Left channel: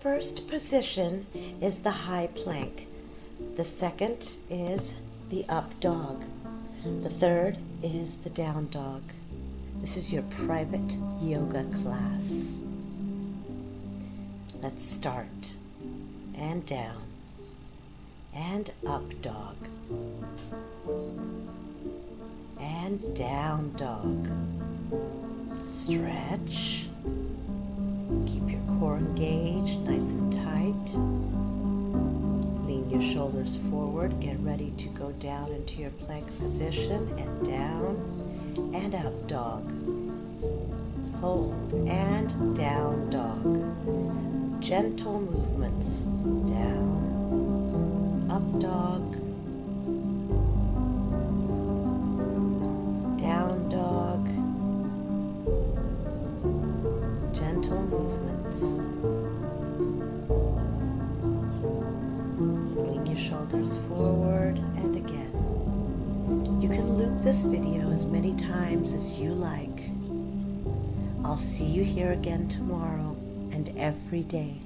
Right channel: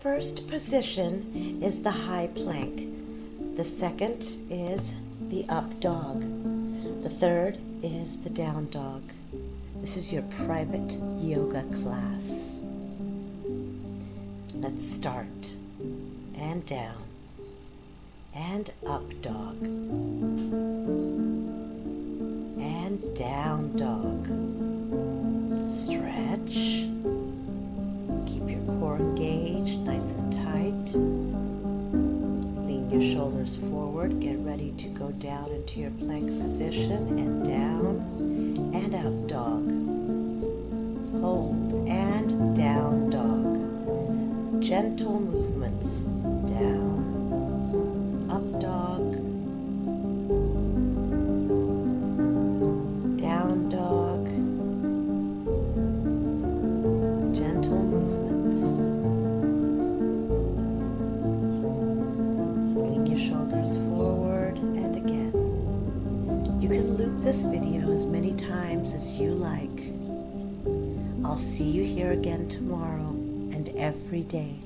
First position is the high plank. The second is the up dog. The third is the down dog. This is your private yoga class. Let's start. And down. And up dog. And down dog. Stretch. Keep your core engaged, nice and tight. Lean your shoulders forward. Get ready to go down into your plank position and down and up dog. Hold and down dog. Gentle movements. Down, up dog, down dog. Gentle movements. Lean your shoulders forward and again. You can loop this video as many times as you like. I'll see you here again tomorrow and every day.